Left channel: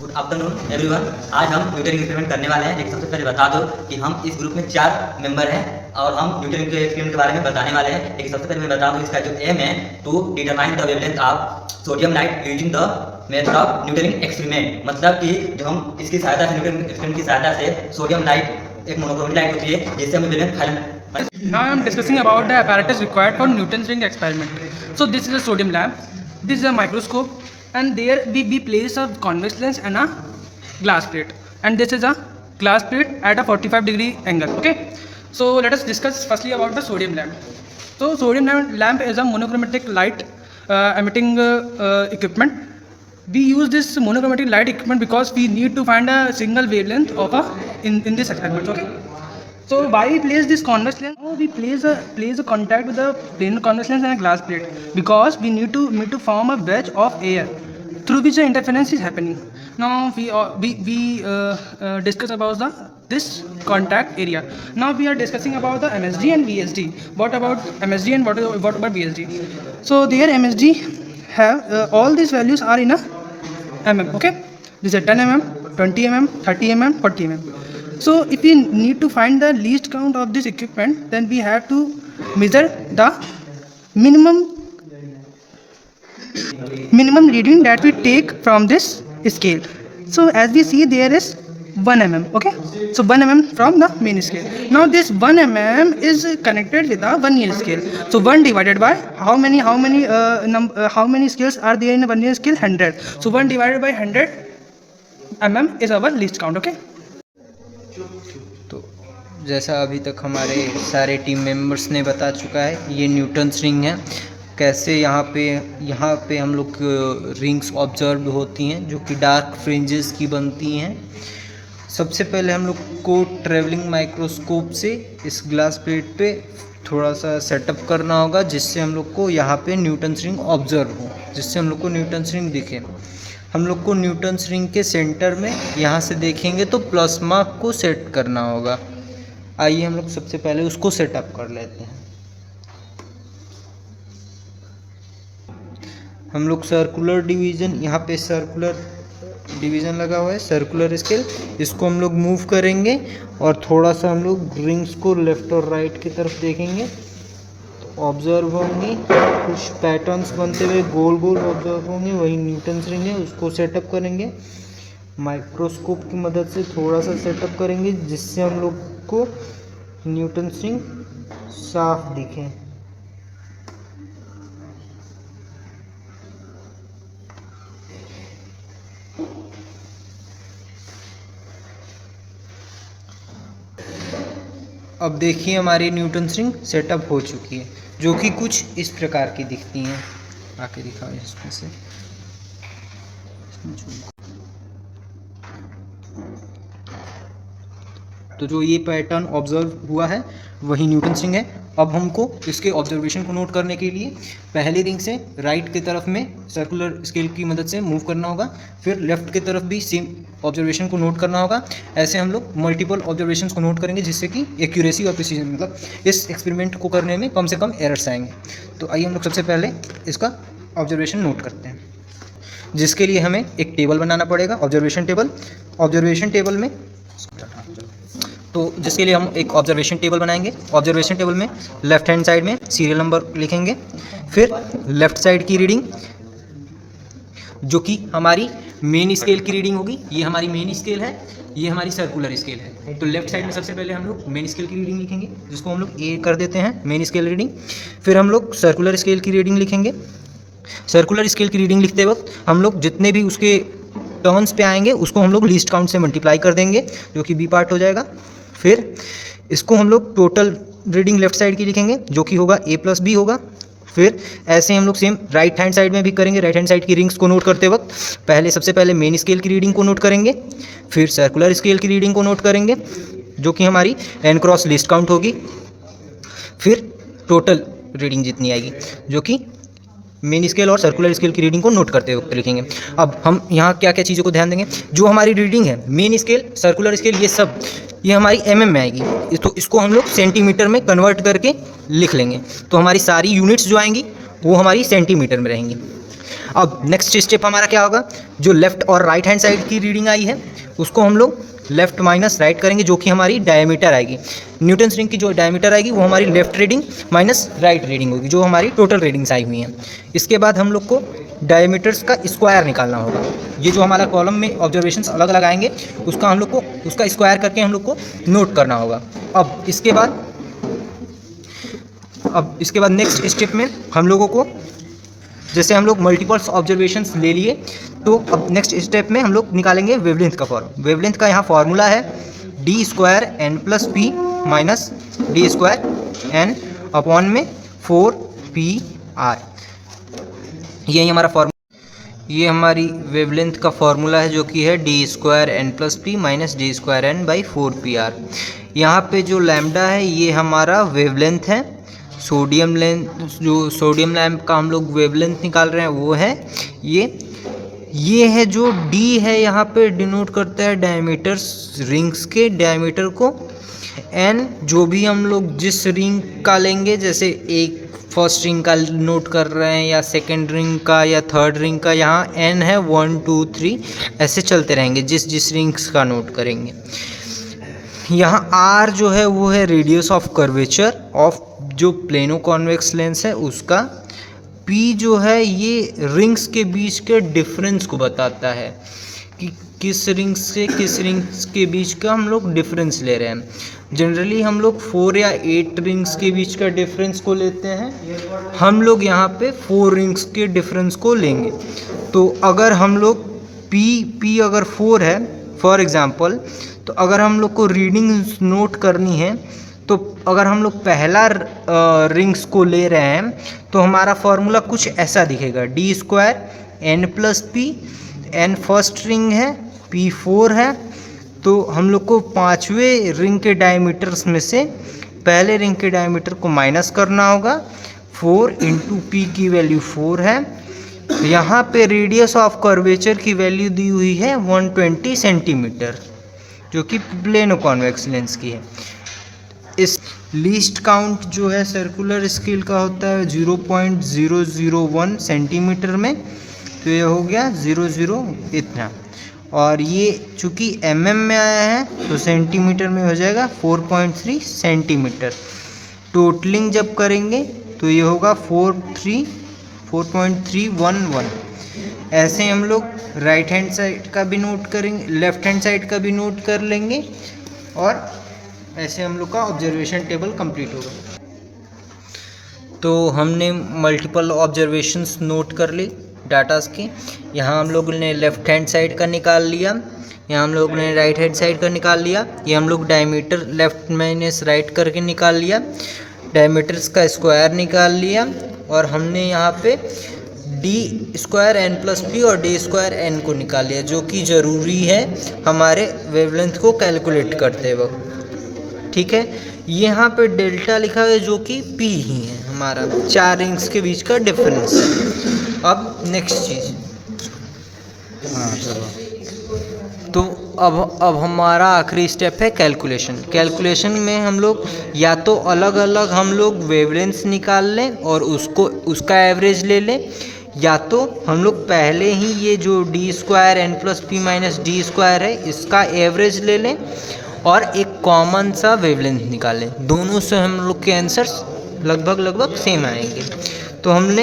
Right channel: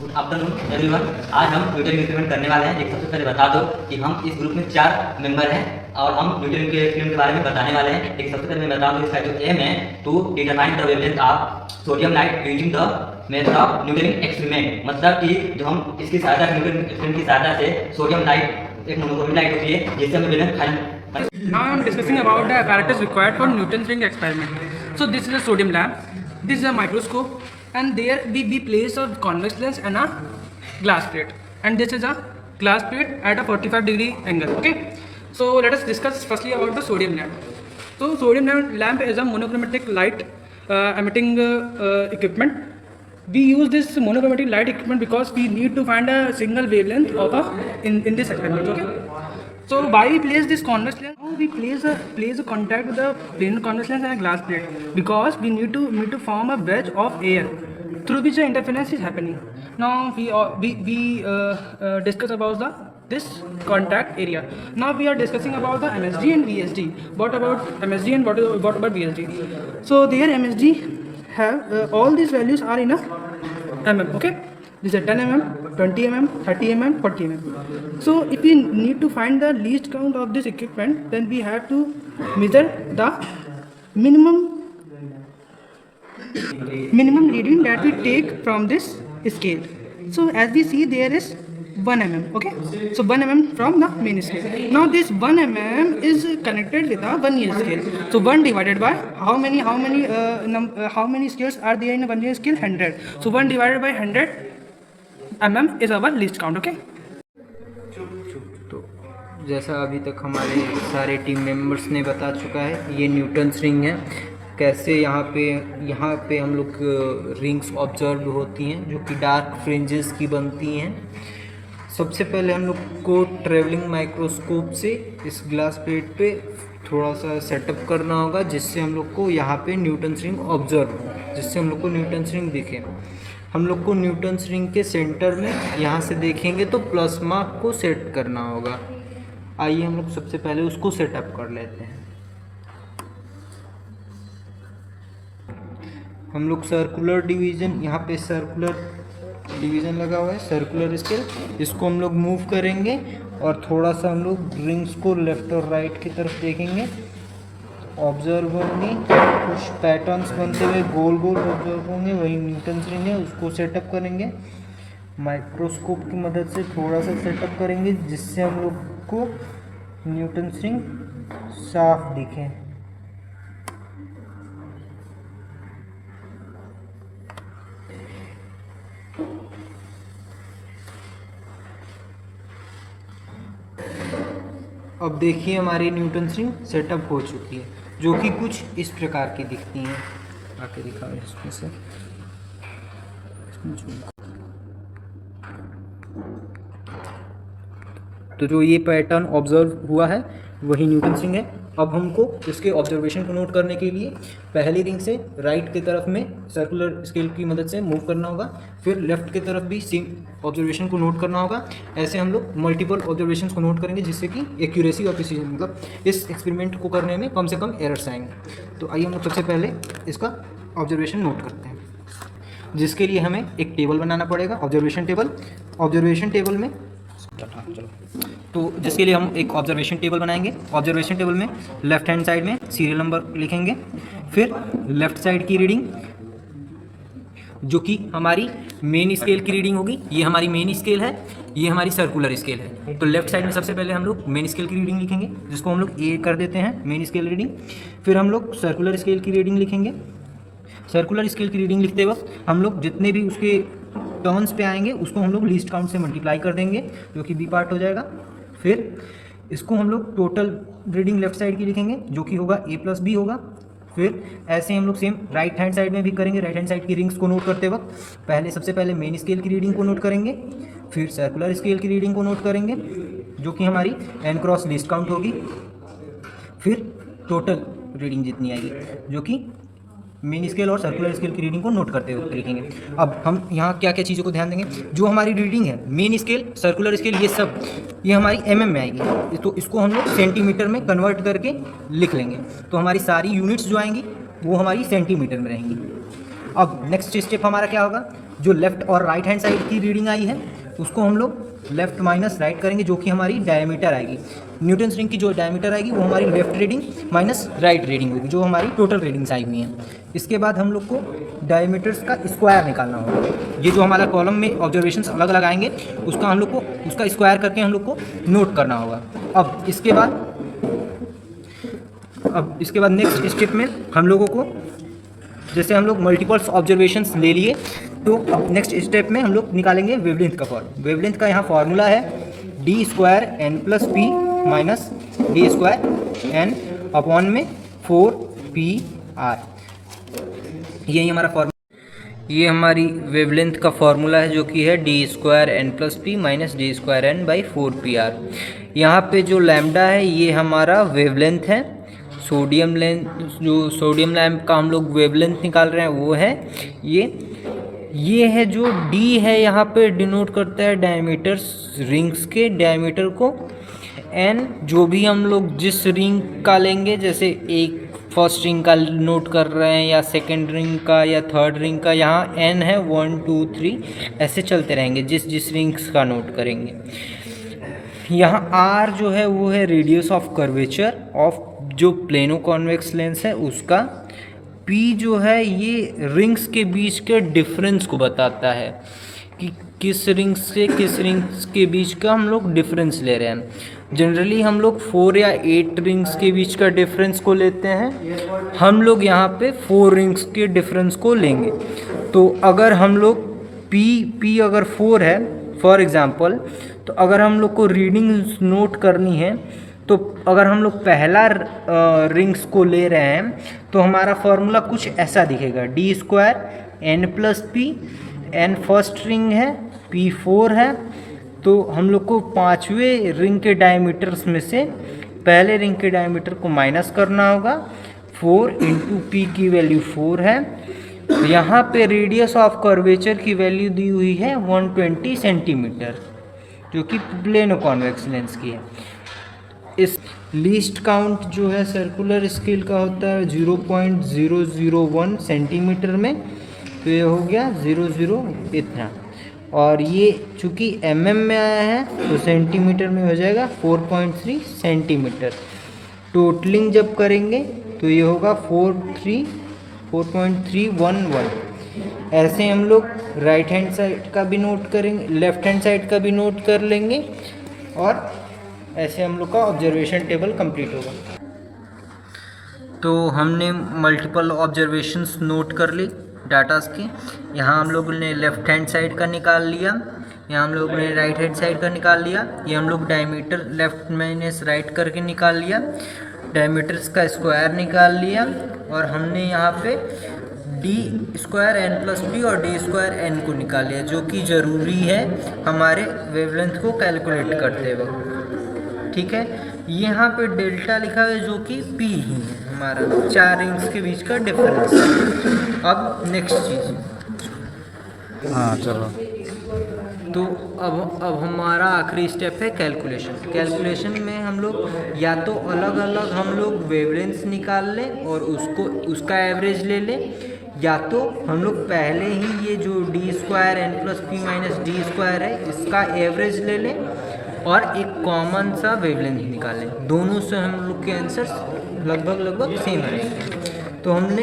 Good afternoon everyone. आज हम Newton experiment करने वाले हैं। एक सबसे पहले बता दो कि हम इस ग्रुप में 4 मेंबर हैं और हम न्यूटन के एक्सपेरिमेंट के बारे में बताने वाले हैं। एक सबसे पहले मैं बता दूं, इसका जो एम है to determine the wavelength of sodium light using the method of Newton experiment. मतलब कि जो हम इसकी सहायता से न्यूटन एक्सपेरिमेंट की सहायता से सोडियम लाइट एक मोनोक्रोमेटिक लाइट होती है जिससे हमें wavelength find. Now I am discussing about the apparatus required for Newton's ring experiment. So this is a sodium lamp, this is a microscope, and there we place a convex lens and a glass plate, and this is a glass plate at a 45-degree angle. Okay, so let us discuss firstly about the sodium lamp. So sodium lamp is a monochromatic light emitting equipment. We use this monochromatic light equipment because we need to find a single wavelength of in this experiment. Okay. So why we place this convex lens? Now we place a contact with the planar convex lens and a glass plate because we need to form a wedge of air through which the interference is happening. Now we discuss about this contact area. Now we are discussing about the MSD and VSD. What about MSD and what about VSD? So there MSD have all these values are in a mm. Okay, this is 10 mm, 20 mm, 30 mm, 40 mm. So if we need to find the least count of this equipment, then we have to measure the minimum reading that we take from this scale. So as we see, there is 1 mm. Okay, so 1 mm from the main scale. Now this 1 mm is connected with a vernier scale. So 1 divided by how many scales are there in a vernier scale? 100. So 1 divided by 100 mm is our least count. Okay. तो जैसा अभी तक हमारे सारे team members ने बता चुका है, ये न्यूटन्स रिंग है। कैसे यहाँ पे हम लोग रिंग्स ऑब्जर्व होती हैं जो कि डार्क फ्रिंजेस की बनती हैं। सबसे पहले हम लोग को ट्रेवलिंग माइक्रोस्कोप से इस ग्लास प्लेट पे थोड़ा सा सेटअप करना होगा जिससे हम लोग को यहाँ पे न्यूटन्स रिंग ऑब्जर्व हो, जिससे हम लोग को न्यूटन्स रिंग दिखे। हम लोग को न्यूटन्स रिंग के सेंटर में यहाँ से देखेंगे तो प्लस मार्क को सेट करना होगा। आइए हम लोग सबसे पहले उसको सेटअप कर लेते हैं। हम लोग सर्कुलर डिवीज़न, यहाँ पे सर्कुलर डिवीज़न लगा हुआ है, सर्कुलर स्केल, इसको हम लोग मूव करेंगे और थोड़ा सा हम लोग रिंग्स को लेफ़्ट और राइट की तरफ देखेंगे। ऑब्जर्व होंगे कुछ पैटर्न्स बनते हुए गोल गोल ऑब्जर्व होंगे, वही न्यूटन्स रिंग है, उसको सेटअप करेंगे। माइक्रोस्कोप की मदद से थोड़ा सा सेटअप करेंगे जिससे हम लोग को न्यूटन्स रिंग साफ दिखे। अब देखिए हमारी न्यूटन्स रिंग सेटअप हो चुकी है जो कि कुछ इस प्रकार की दिखती हैं। आके दिखाओ इसमें से। तो जो ये पैटर्न ऑब्जर्व हुआ है वही न्यूटन्स रिंग है। अब हमको इसके ऑब्जर्वेशन को नोट करने के लिए पहली रिंग से राइट की तरफ में सर्कुलर स्केल की मदद से मूव करना होगा, फिर लेफ्ट की तरफ भी सेम ऑब्जर्वेशन को नोट करना होगा। ऐसे हम लोग मल्टीपल ऑब्जर्वेशंस को नोट करेंगे जिससे कि एक्यूरेसी और प्रिसीजन, मतलब इस एक्सपेरिमेंट को करने में कम से कम एरर्स आएंगे। तो आइए हम लोग सबसे पहले इसका ऑब्जर्वेशन नोट करते हैं, जिसके लिए हमें एक टेबल बनाना पड़ेगा, ऑब्जर्वेशन टेबल। ऑब्जर्वेशन टेबल में तो जिसके लिए हम एक ऑब्जर्वेशन टेबल बनाएंगे। ऑब्जर्वेशन टेबल में लेफ्ट हैंड साइड में सीरियल नंबर लिखेंगे, फिर लेफ्ट साइड की रीडिंग जो कि हमारी मेन स्केल की रीडिंग होगी। ये हमारी मेन स्केल है, ये हमारी सर्कुलर स्केल है। तो लेफ्ट साइड में सबसे पहले हम लोग मेन स्केल की रीडिंग लिखेंगे जिसको हम लोग ए कर देते हैं, मेन स्केल रीडिंग। फिर हम लोग सर्कुलर स्केल की रीडिंग लिखेंगे। सर्कुलर स्केल की रीडिंग लिखते वक्त हम लोग जितने भी उसके टर्न्स पे आएंगे उसको हम लोग लीस्ट काउंट से मल्टीप्लाई कर देंगे जो कि बी पार्ट हो जाएगा। फिर इसको हम लोग टोटल रीडिंग लेफ्ट साइड की लिखेंगे जो कि होगा ए प्लस बी होगा। फिर ऐसे हम लोग सेम राइट हैंड साइड में भी करेंगे। राइट हैंड साइड की रिंग्स को नोट करते वक्त सबसे पहले मेन स्केल की रीडिंग को नोट करेंगे, फिर सर्कुलर स्केल की रीडिंग को नोट करेंगे जो कि हमारी एन क्रॉस लिस्ट काउंट होगी, फिर टोटल रीडिंग जितनी आएगी जो कि मेन स्केल और सर्कुलर स्केल की रीडिंग को नोट करते वक्त लिखेंगे। अब हम यहाँ क्या क्या चीज़ों को ध्यान देंगे, जो हमारी रीडिंग है मेन स्केल, सर्कुलर स्केल, ये हमारी एमएम में आएगी। तो इसको हम लोग सेंटीमीटर में कन्वर्ट करके लिख लेंगे। तो हमारी सारी यूनिट्स जो आएंगी वो हमारी सेंटीमीटर में रहेंगी। अब नेक्स्ट स्टेप हमारा क्या होगा, जो लेफ्ट और राइट हैंड साइड की रीडिंग आई है उसको हम लोग लेफ्ट माइनस राइट करेंगे, जो कि हमारी डायमीटर आएगी। न्यूटन रिंग की जो डायमीटर आएगी वो हमारी left reading minus right reading होगी, जो हमारी टोटल रीडिंग्स आई हुई हैं। इसके बाद हम लोग को डायमीटर्स का स्क्वायर निकालना होगा। ये जो हमारा कॉलम में ऑब्जर्वेशंस अलग अलग आएंगे उसका हम लोग को उसका स्क्वायर करके हम लोग को नोट करना होगा। अब इसके बाद नेक्स्ट स्टेप में हम लोगों को, जैसे हम लोग मल्टीपल्स ऑब्जर्वेशंस ले लिए, तो अब नेक्स्ट स्टेप में हम लोग निकालेंगे वेवलेंथ का फॉर्म। वेवलेंथ का यहाँ फॉर्मूला है d² n + p - d² n upon में 4pr। यही हमारा फॉर्मूला, ये हमारी वेवलेंथ का फॉर्मूला है, जो कि है d² n + p - d² n / 4pr। यहाँ पे जो लैम्डा है ये हमारा वेवलेंथ है। सोडियम लैम्प का हम लोग वेवलेंथ निकाल रहे हैं वो है ये है जो d है, यहाँ पे डिनोट करता है डायमीटर्स, रिंग्स के डायमीटर को। n जो भी हम लोग जिस रिंग का लेंगे, जैसे एक फर्स्ट रिंग का नोट कर रहे हैं या सेकंड रिंग का या थर्ड रिंग का, यहाँ n है 1 2 3 ऐसे चलते रहेंगे जिस रिंग्स का नोट करेंगे। यहाँ r जो है वो है रेडियस ऑफ कर्वेचर ऑफ जो प्लेनो कॉन्वेक्स लेंस है उसका। p जो है ये रिंग्स के बीच के डिफरेंस को बताता है कि किस रिंग्स से किस रिंग्स के बीच का हम लोग डिफरेंस ले रहे हैं। जनरली हम लोग 4 या 8 रिंग्स के बीच का डिफरेंस को लेते हैं, हम लोग यहाँ पे 4 रिंग्स के डिफरेंस को लेंगे। तो अगर हम लोग p अगर 4 है फॉर एग्ज़ाम्पल, तो अगर हम लोग को रीडिंग नोट करनी है, तो अगर हम लोग पहला रिंग्स को ले रहे हैं तो हमारा फॉर्मूला कुछ ऐसा दिखेगा, d² n + p। n first ring है, p 4 है, तो हम लोग को पांचवें रिंग के डायमीटर्स में से पहले रिंग के डायमीटर को माइनस करना होगा। 4 × p की वैल्यू 4 है। यहाँ पे रेडियस ऑफ कर्वेचर की वैल्यू दी हुई है 120 सेंटीमीटर, जो कि प्लेनो कॉन्वेक्स लेंस की है। इस लीस्ट काउंट जो है सर्कुलर स्केल का होता है 0.001 सेंटीमीटर में, तो ये हो गया 00 इतना। और ये चूँकि mm में आया है तो सेंटीमीटर में हो जाएगा 4.3 सेंटीमीटर। टोटलिंग जब करेंगे तो ये होगा 4.311। ऐसे हम लोग राइट हैंड साइड का भी नोट करेंगे, लेफ्ट हैंड साइड का भी नोट कर लेंगे, और ऐसे हम लोग का ऑब्जर्वेशन टेबल कंप्लीट होगा। तो हमने मल्टीपल ऑब्जर्वेशंस नोट कर ली डाटास के। यहाँ हम लोगों ने लेफ्ट हैंड साइड का निकाल लिया, यहाँ हम लोग ने राइट हैंड साइड का निकाल लिया। ये हम लोग डायमीटर लेफ्ट माइनस राइट करके निकाल लिया, डायमीटर्स का स्क्वायर निकाल लिया, और हमने यहाँ पे d² n + p और d² n को निकाल लिया, जो कि ज़रूरी है हमारे वेवलेंथ को कैलकुलेट करते वक्त। ठीक है, यहाँ पे डेल्टा लिखा है जो कि p ही है, हमारा 4 रिंग्स के बीच का डिफरेंस है। अब नेक्स्ट चीज़, हाँ चलो, तो अब हमारा आखिरी स्टेप है कैलकुलेशन। कैलकुलेशन में हम लोग या तो अलग अलग हम लोग वेवलेंथ्स निकाल लें और उसका एवरेज ले लें, या तो हम लोग पहले ही ये जो d² n + p - d² है इसका एवरेज ले लें और एक कॉमन सा वेवलेंथ निकालें। दोनों से हम लोग के आंसर्स लगभग सेम आएंगे। तो हमने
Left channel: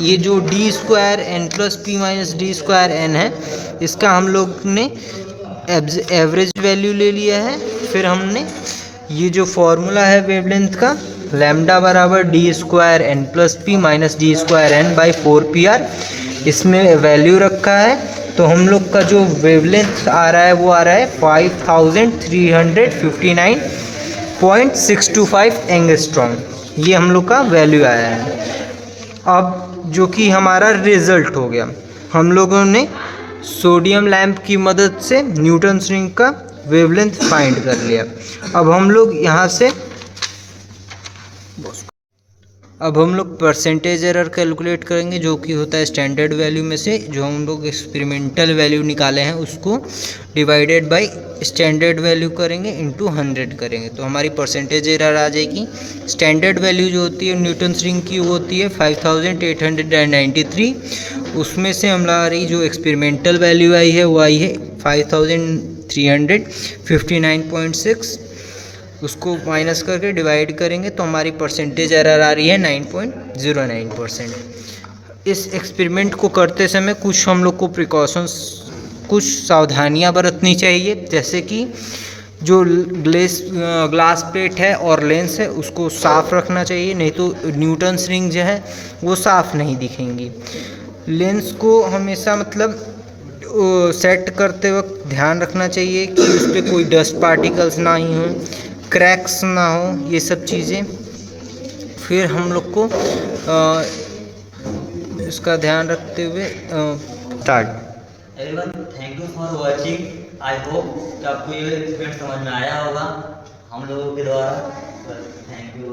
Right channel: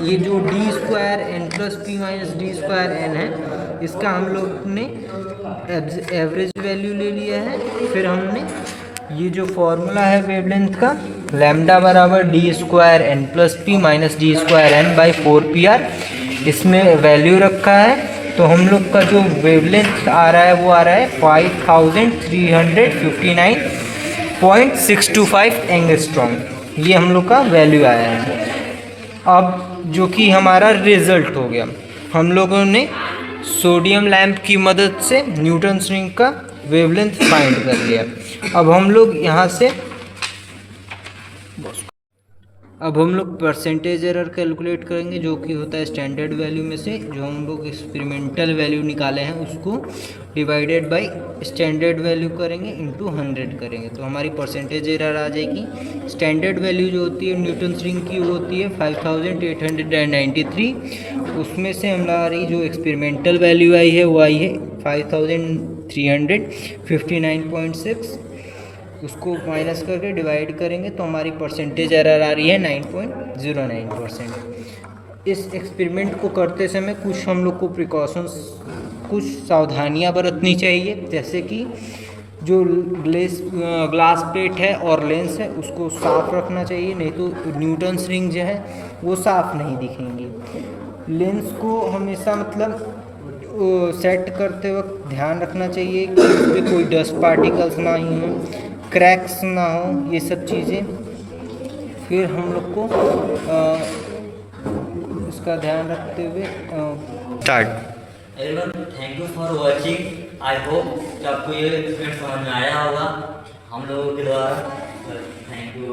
ये जो d² n + p - d² n है इसका हम लोग ने एवरेज वैल्यू ले लिया है। फिर हमने ये जो फॉर्मूला है वेवलेंथ का, लैम्डा बराबर d² n + p - d² n / 4pr, इसमें वैल्यू रखा है। तो हम लोग का जो वेवलेंथ आ रहा है वो आ रहा है 5359.625 एंगस्ट्रॉम। ये हम लोग का वैल्यू आया है। अब जो कि हमारा रिजल्ट हो गया, हम लोगों ने सोडियम लैंप की मदद से न्यूटन रिंग का वेवलेंथ फाइंड कर लिया। अब हम लोग यहाँ से अब हम लोग परसेंटेज एरर कैलकुलेट करेंगे, जो कि होता है स्टैंडर्ड वैल्यू में से जो हम लोग एक्सपेरिमेंटल वैल्यू निकाले हैं उसको डिवाइडेड बाय स्टैंडर्ड वैल्यू करेंगे इंटू 100 करेंगे, तो हमारी परसेंटेज एरर आ जाएगी। स्टैंडर्ड वैल्यू जो होती है न्यूटन्स रिंग की वो होती है 5893, उसमें से हमारी जो एक्सपेरिमेंटल वैल्यू आई है वो आई है 5359.6, उसको माइनस करके डिवाइड करेंगे तो हमारी परसेंटेज एरर आ रही है 9.09%। इस एक्सपेरिमेंट को करते समय कुछ हम लोग को प्रिकॉशंस, कुछ सावधानियां बरतनी चाहिए, जैसे कि जो ग्लास प्लेट है और लेंस है उसको साफ़ रखना चाहिए, नहीं तो न्यूटन्स रिंग जो है वो साफ़ नहीं दिखेंगी। लेंस को हमेशा मतलब सेट करते वक्त ध्यान रखना चाहिए कि उस पर कोई डस्ट पार्टिकल्स ना ही हों, क्रैक्स ना हो, ये सब चीज़ें। फिर हम लोग को इसका ध्यान रखते हुए start. Everyone, thank you for watching. I hope कि आपको ये एक्सपीरियंस समझ में आया होगा हम लोगों के द्वारा। Thank you.